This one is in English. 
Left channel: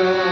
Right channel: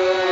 Amen.